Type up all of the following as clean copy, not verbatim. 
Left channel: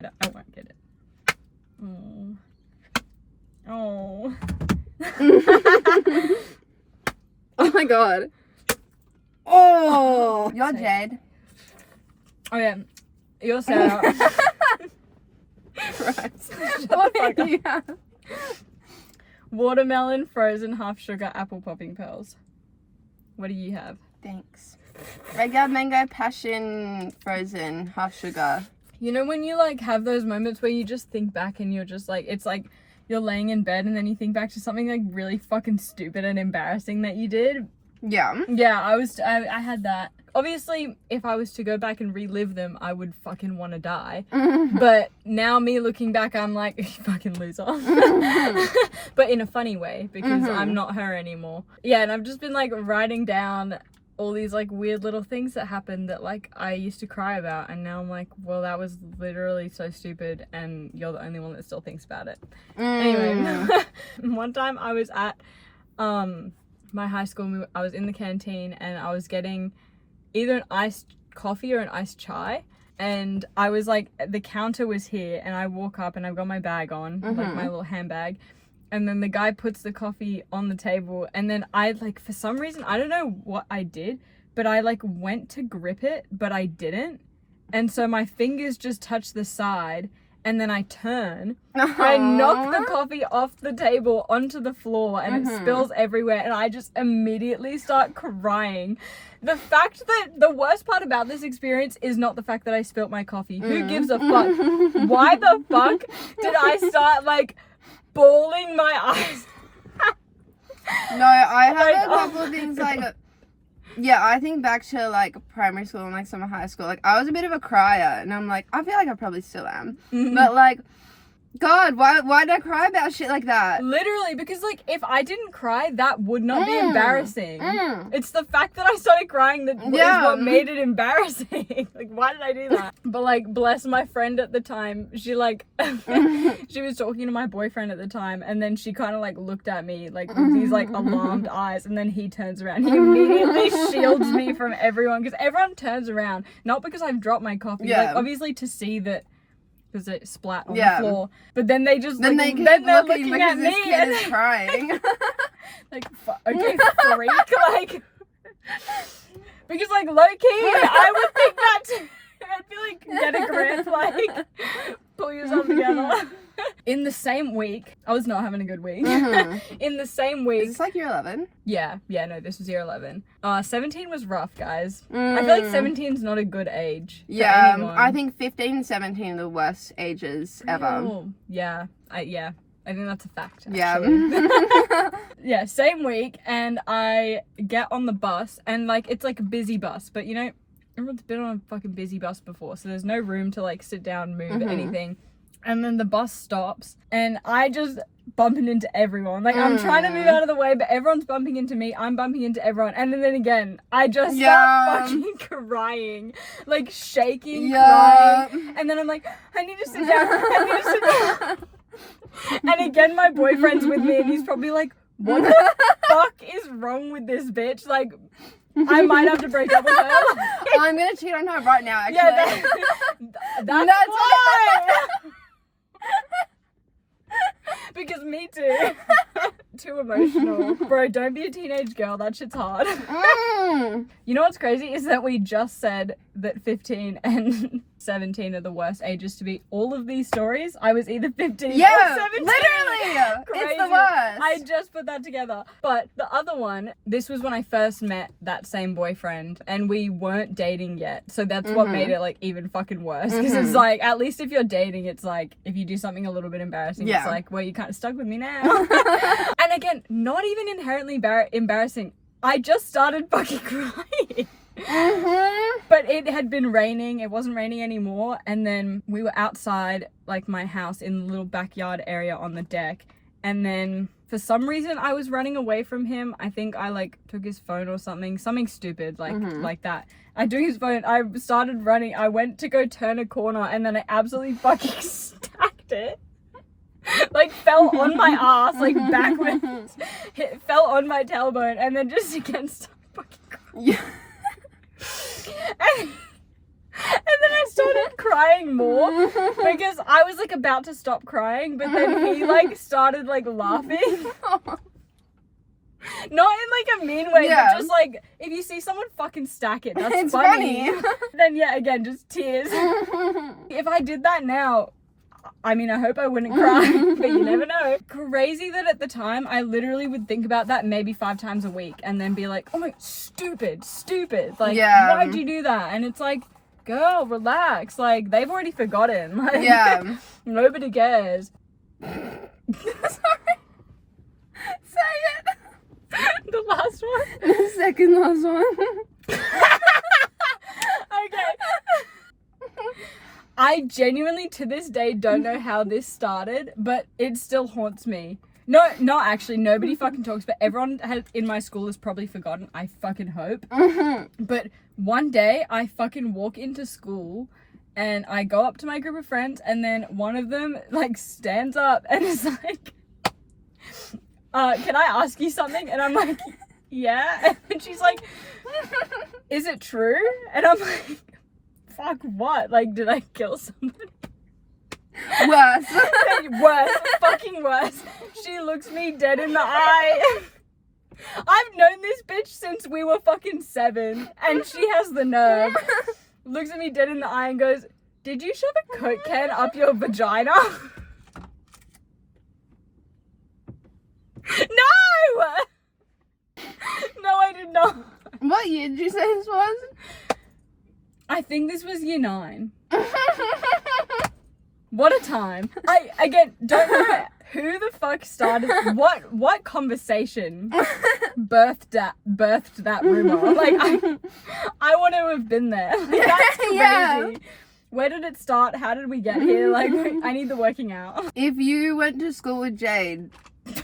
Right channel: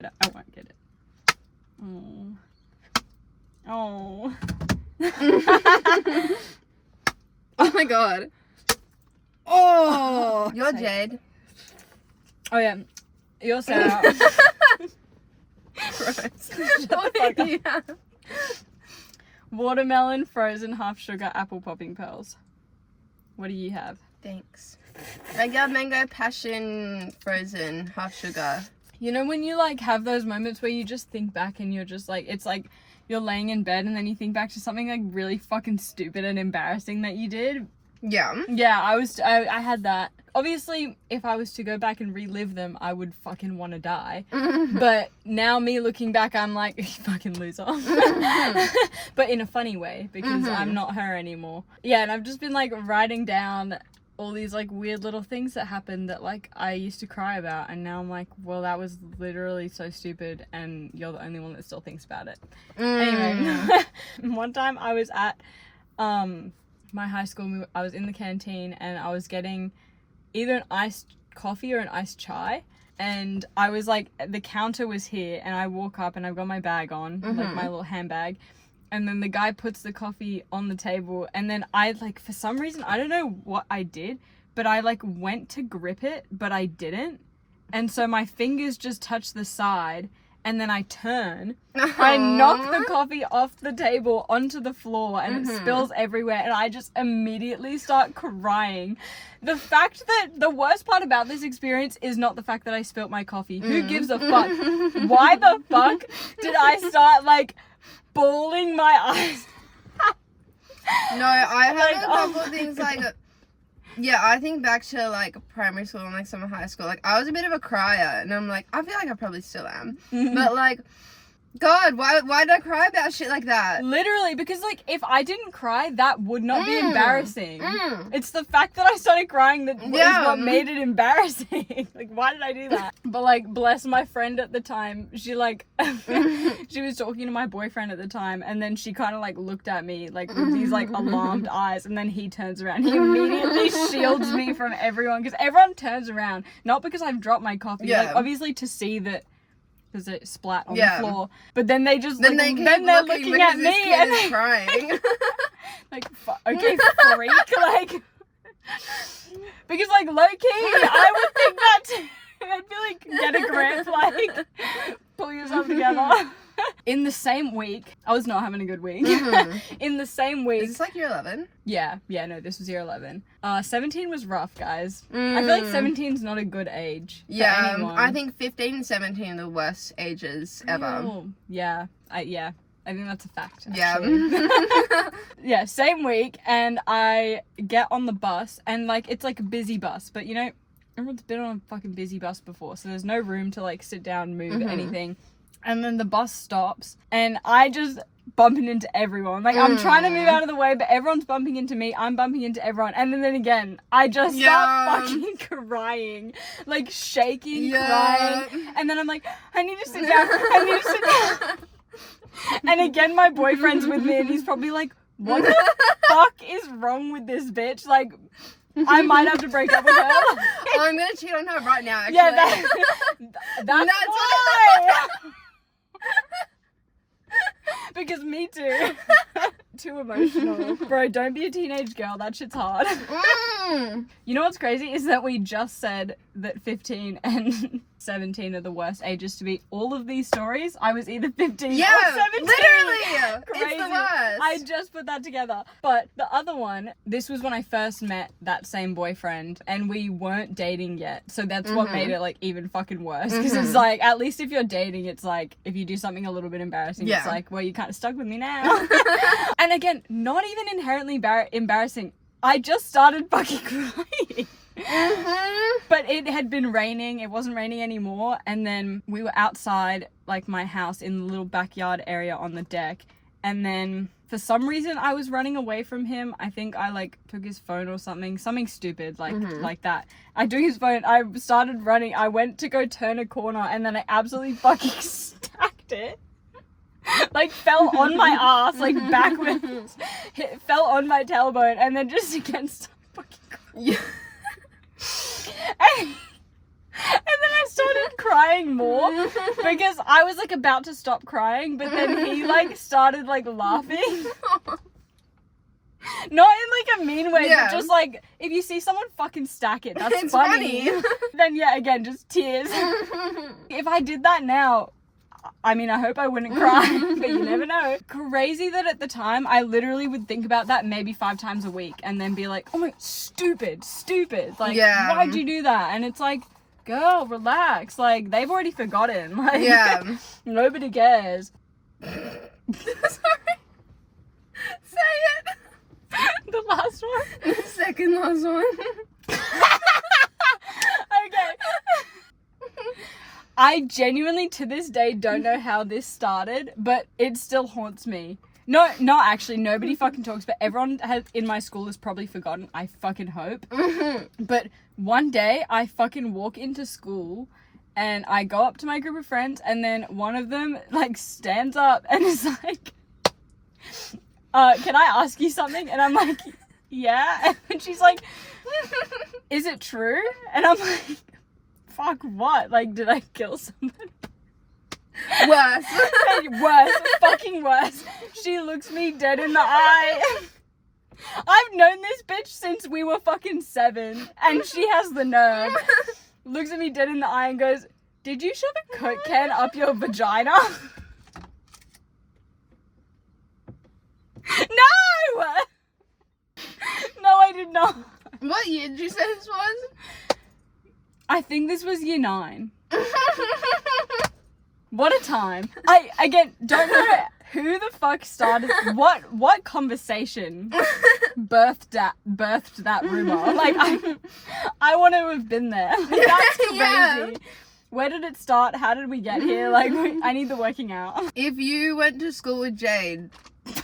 I won't get it. Oh. Oh my god. Oh. You're Jade. Oh yeah. You're Sarah. Christ. Shut the fuck up. Yeah. Watermelon, frozen, half sugar, apple popping pearls. What do you have? Thanks. Regular mango, passion, frozen, half sugar. You know when you like have those moments where you just think back and you're just like, it's like you're laying in bed and then you think back to something like really fucking stupid and embarrassing that you did? Yeah. Yeah, I had that. Obviously, if I was to go back and relive them, I would fucking want to die. But now me looking back, I'm like, you fucking loser. But in a funny way, because I'm not her anymore. Yeah, and I've just been like writing down all these like weird little things that happened that like I used to cry about, and now I'm like, well, that was literally so stupid and you're the only one that still thinks about it. Anyway, one time I was at my high school, I was in the canteen and I was getting either an iced coffee or an iced chai, and I was like, the counter was here and I walk up and I've got my bag on, like my little handbag, and then the guy puts the coffee on the table, and then I like, for some reason, I don't know what I did, but I like went to grip it, but I didn't, and so my fingers just touched the side, and then I turn, I knock the coffee off the table onto the floor, and it spills everywhere, and I just immediately start crying. The fact that the worst part about this experience is not the fact that I spilt my coffee. Who gives a fuck? Why the fuck did I start like bawling my eyes? No, I have a couple of things like, yeah, I think back to like primary school and like summer high school. Like I was a bit of a crier, and I'm like, I feel like I probably still am, but like, God, why did I cry about shit like that? Literally, because like if I didn't cry, that would not be embarrassing. It's the fact that I started crying that is what made it embarrassing. Like, why did I do that? But like, bless my friend at the time, she like she was talking to my boyfriend at the time, and then she kind of like looked at me like with these like alarmed eyes, and then he turns around, he immediately shields me from everyone, because everyone turns around, not because I've dropped my coffee, like, obviously to see that, because it splat on the floor. But then they just then like, they keep they're looking looking at because me this kid is crying. like, okay, freak, like, because like low key, I would think that too. I'd be like, get a grip, like, pull yourself together. In the same week, I was not having a good week. In the same week, Is this like year 11? yeah, no, this was year 11. 17 was rough, guys. I feel like 17 is not a good age. Yeah, anyone. I think 15 and 17 are the worst ages ever. Oh, yeah, I think that's a fact. Yeah. Yeah, same week, and I get on the bus, and like it's like a busy bus, but you know, everyone's been on a fucking busy bus before, so there's no room to like sit down, move, anything. And then the bus stops, and I just bumping into everyone. Like, I'm trying to move out of the way, but everyone's bumping into me. I'm bumping into everyone. And then again, I just start fucking crying. Like, shaking, crying. And then I'm like, I need to sit down. I need to sit down. And again, my boyfriend's with me, and he's probably like, what the fuck is wrong with this bitch? Like, I might have to break up with her. I'm gonna cheat on her right now, actually. Yeah, that's why. Because me too. Too emotional. Bro, don't be a teenage girl. That shit's hard. You know what's crazy is that we just said that 15 and 17 are the worst ages to be. All of these stories, I was either 15 or 17. Literally. Crazy. It's the worst. I just put that together. But the other one, this was when I first met that same boyfriend, and we weren't dating yet. So that's what made it like even fucking worse. Because it's like, at least if you're dating, it's like, if you do something a little bit embarrassing, it's like, well, you kind of stuck with me now. And again, not even inherently embarrassing. I just started fucking crying. But it had been raining. It wasn't raining anymore. And then we were outside, like, my house in the little backyard area on the deck. And then for some reason, I was running away from him. I think I, like, took his phone or something stupid, like that. I took his phone. I started running. I went to go turn a corner, and then I absolutely fucking stacked it. Like, fell on my ass, like, backwards. Fell on my tailbone, and then just again started fucking crying. And then I started crying crying more because I was like about to stop crying, but then he like started like laughing. Not in like a mean way, Yeah. but just like if you see someone fucking stack it, that's It's funny. funny. Then yeah, again, just tears. If I did that now, I mean, I hope I wouldn't cry, but you never know. Crazy that at the time, I literally would think about that maybe 5 times a week and then be like, oh my, stupid. Like, Yeah. why'd you do that? And it's like, girl, relax. Like, they've already forgotten. Like, Yeah. nobody cares. Sorry. Say it. The last one? The second last one. Okay. I genuinely, to this day, don't know how this started, but it still haunts me. No, not actually. Nobody fucking talks, but everyone in my school has probably forgotten. I fucking hope. But one day, I fucking walk into school, and I go up to my group of friends, and then one of them, like, stands up and is like, can I ask you something? And I'm like, yeah. And she's like, is it true? And I'm like, fuck what? Like, did I kill somebody? Worse. Worse. Fucking worse. She looks me dead in the eye. I've known this bitch since we were fucking 7. And she has the nerve. Looks at me dead in the eye and goes, did you shove a Coke can up your vagina? No! No, I did not. What year did you say this was? I think this was year 9. What a time. I, again, don't know who the fuck started, what conversation birthed that rumor. Like, I want to have been there. Like, that's crazy. Yeah. Where did it start? How did we get here? Like, I need the working out. If you went to school with Jade,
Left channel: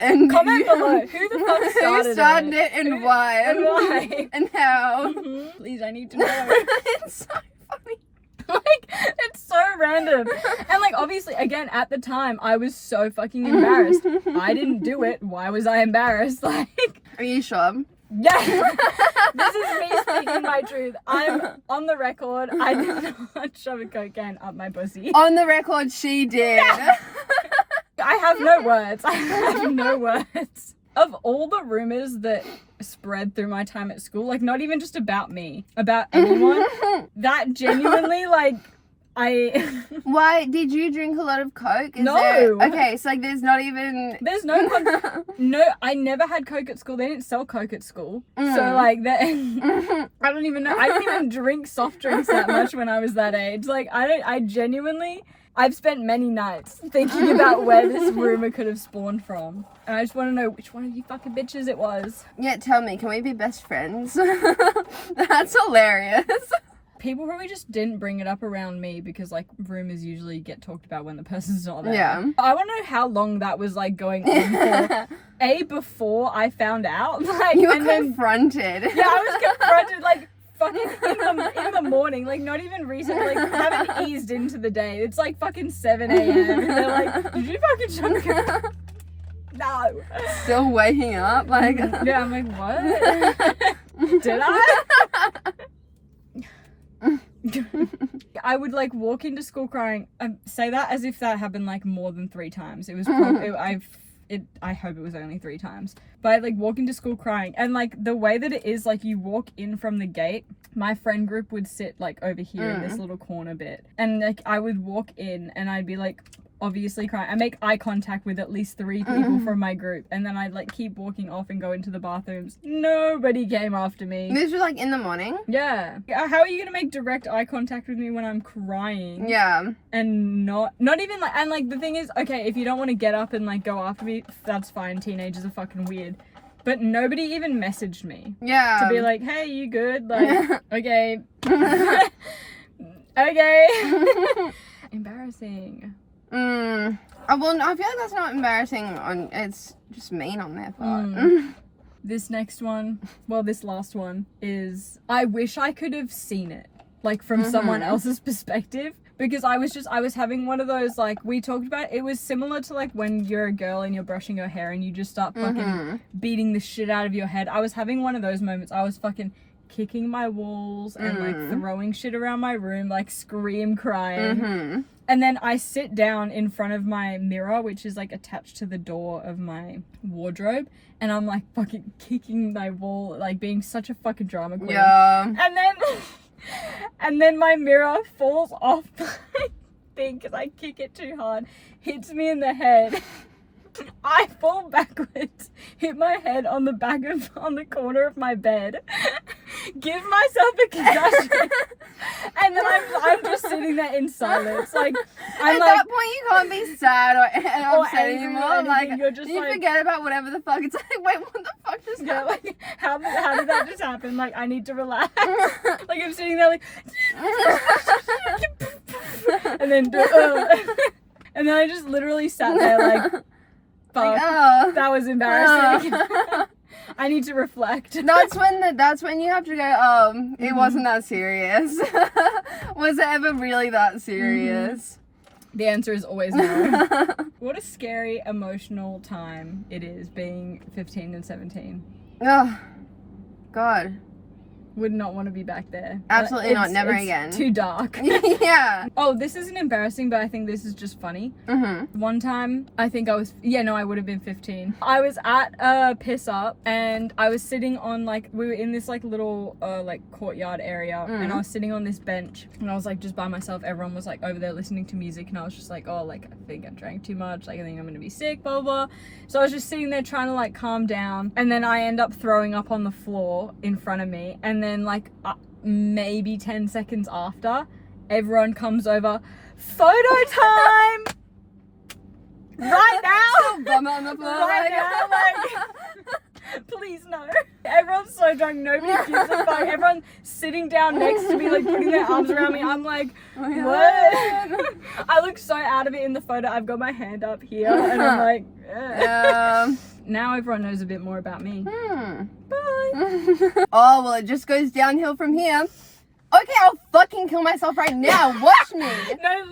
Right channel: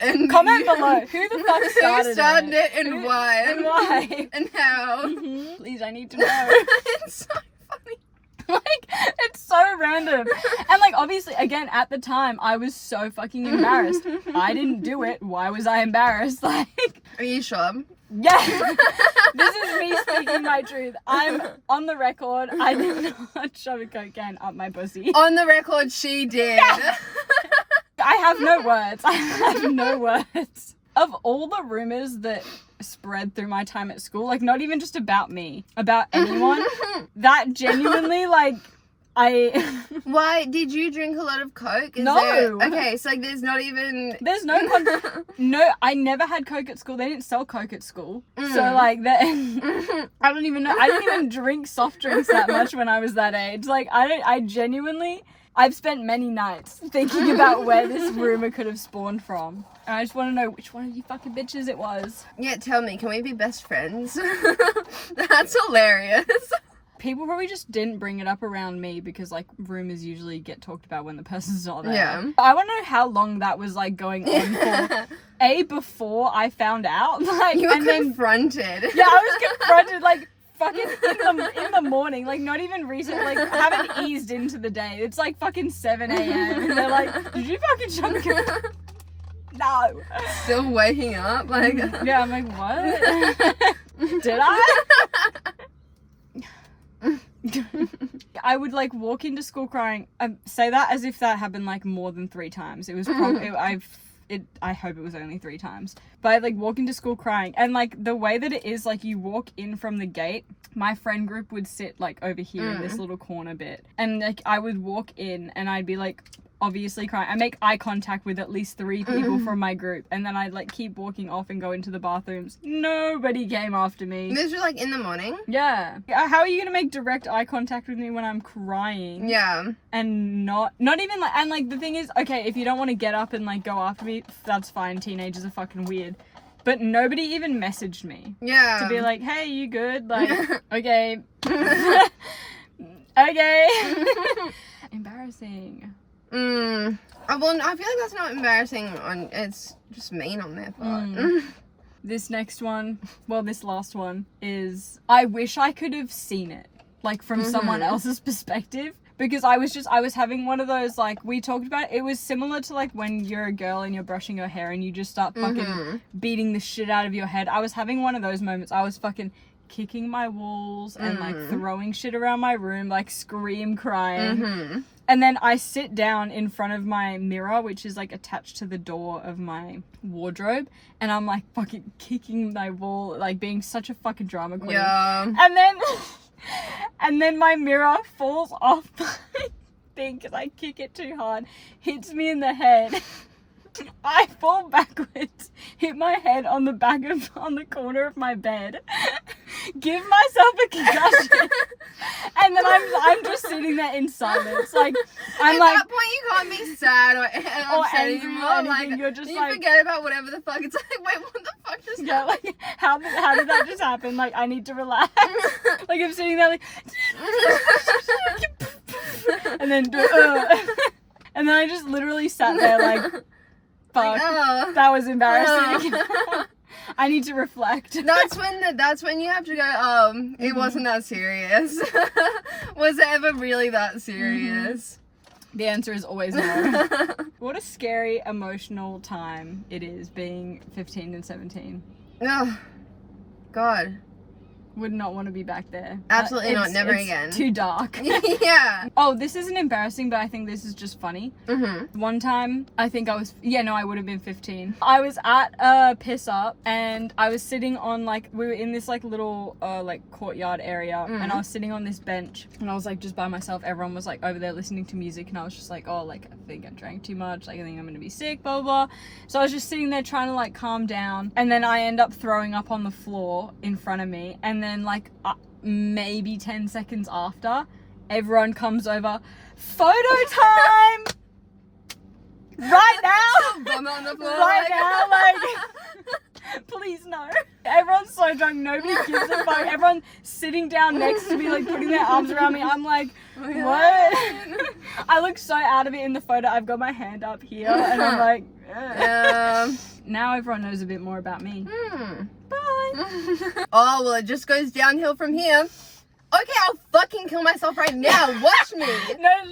and Comment below. Who the fuck started who started it and why? And why? And how? Please, I need to know. It's so funny. Like, it's so random. And like, obviously, again, at the time, I was so fucking embarrassed. I didn't do it. Why was I embarrassed? Like, Are you sure? yeah. This is me speaking my truth. I'm on the record. I did not shove a Coke can up my pussy. On the record, she did. Yeah. I have no words. I have no words. Of all the rumors that spread through my time at school, like, not even just about me, about anyone, that genuinely, like, Why did you drink a lot of Coke? No. Okay, so like there's not even. There's no no. I never had Coke at school. They didn't sell Coke at school, so like that. I don't even know. I didn't even drink soft drinks that much when I was that age. Like I genuinely. I've spent many nights thinking about where this rumor could have spawned from. And I just want to know which one of you fucking bitches it was. Yeah, tell me, can we be best friends? That's hilarious. People probably just didn't bring it up around me because, like, rumors usually get talked about when the person's not there. Yeah. I want to know how long that was, like, going on for. Before I found out. Like, You were and confronted. Yeah, I was confronted, like, fucking in the morning, like, not even recent, like, haven't eased into the day. It's like fucking 7 a.m. and they're like, did you fucking shove a No. Still waking up, like. Yeah, I'm like, what? Did I? I would, like, walk into school crying. I say that as if that happened, like, more than 3 times. It was probably, I hope it was only 3 times. But I'd, like, walk into school crying. And, like, the way that it is, like, you walk in from the gate, my friend group would sit, like, over here in this little corner bit. And, like, I would walk in and I'd be, like, obviously crying. I make eye contact with at least 3 people from my group. And then I'd, like, keep walking off and go into the bathrooms. Nobody came after me. This was like in the morning? Yeah. How are you gonna make direct eye contact with me when I'm crying? Yeah. And not even like, and like the thing is, okay, if you don't want to get up and like go after me, that's fine. Teenagers are fucking weird. But nobody even messaged me. Yeah. To be like, hey, you good? Like, okay. Okay. Embarrassing. Well, I feel like that's not embarrassing it's just mean on their part. This next one, well, this last one is, I wish I could have seen it, like, from someone else's perspective, because I was having one of those, like, we talked about, it was similar to, like, when you're a girl and you're brushing your hair and you just start fucking beating the shit out of your head. I was having one of those moments. I was fucking kicking my walls and like throwing shit around my room, like scream crying. And then I sit down in front of my mirror, which is like attached to the door of my wardrobe, and I'm like fucking kicking my wall, like being such a fucking drama queen. Yeah. And then my mirror falls off my thing because I kick it too hard, hits me in the head. I fall backwards, hit my head on the corner of my bed, give myself a concussion, and then I'm just sitting there in silence. Like I'm at like, that point, you can't be sad or upset angry or anymore. anything, Like you're just you like, forget about whatever the fuck. It's like, wait, what the fuck just yeah, happened? like how did that just happen? Like I need to relax. Like I'm sitting there like, and then and then I just literally sat there like. Fuck, that was embarrassing. I need to reflect. That's when you have to go, it wasn't that serious. Was it ever really that serious? The answer is always no. What a scary, emotional time it is being 15 and 17. Oh, God. Would not want to be back there. Absolutely not. Never it's again. Too dark. Yeah. Oh, this isn't embarrassing, but I think this is just funny. One time, I think I would have been 15. I was at a piss up and I was sitting on we were in this little courtyard area, and I was sitting on this bench and I was like just by myself. Everyone was like over there listening to music, and I was just like, oh, like I think I drank too much. Like I think I'm gonna be sick, blah blah. So I was just sitting there trying to like calm down, and then I end up throwing up on the floor in front of me, and then maybe 10 seconds after, everyone comes over, photo time right now. Vomit on the floor right now, please no. Everyone's so drunk, nobody gives a fuck. Everyone's sitting down next to me, like putting their arms around me. I'm like, what? I look so out of it in the photo. I've got my hand up here and I'm like, now everyone knows a bit more about me. Bye. Oh, well, it just goes downhill from here. Okay, I'll fucking kill myself right now. Watch me. No,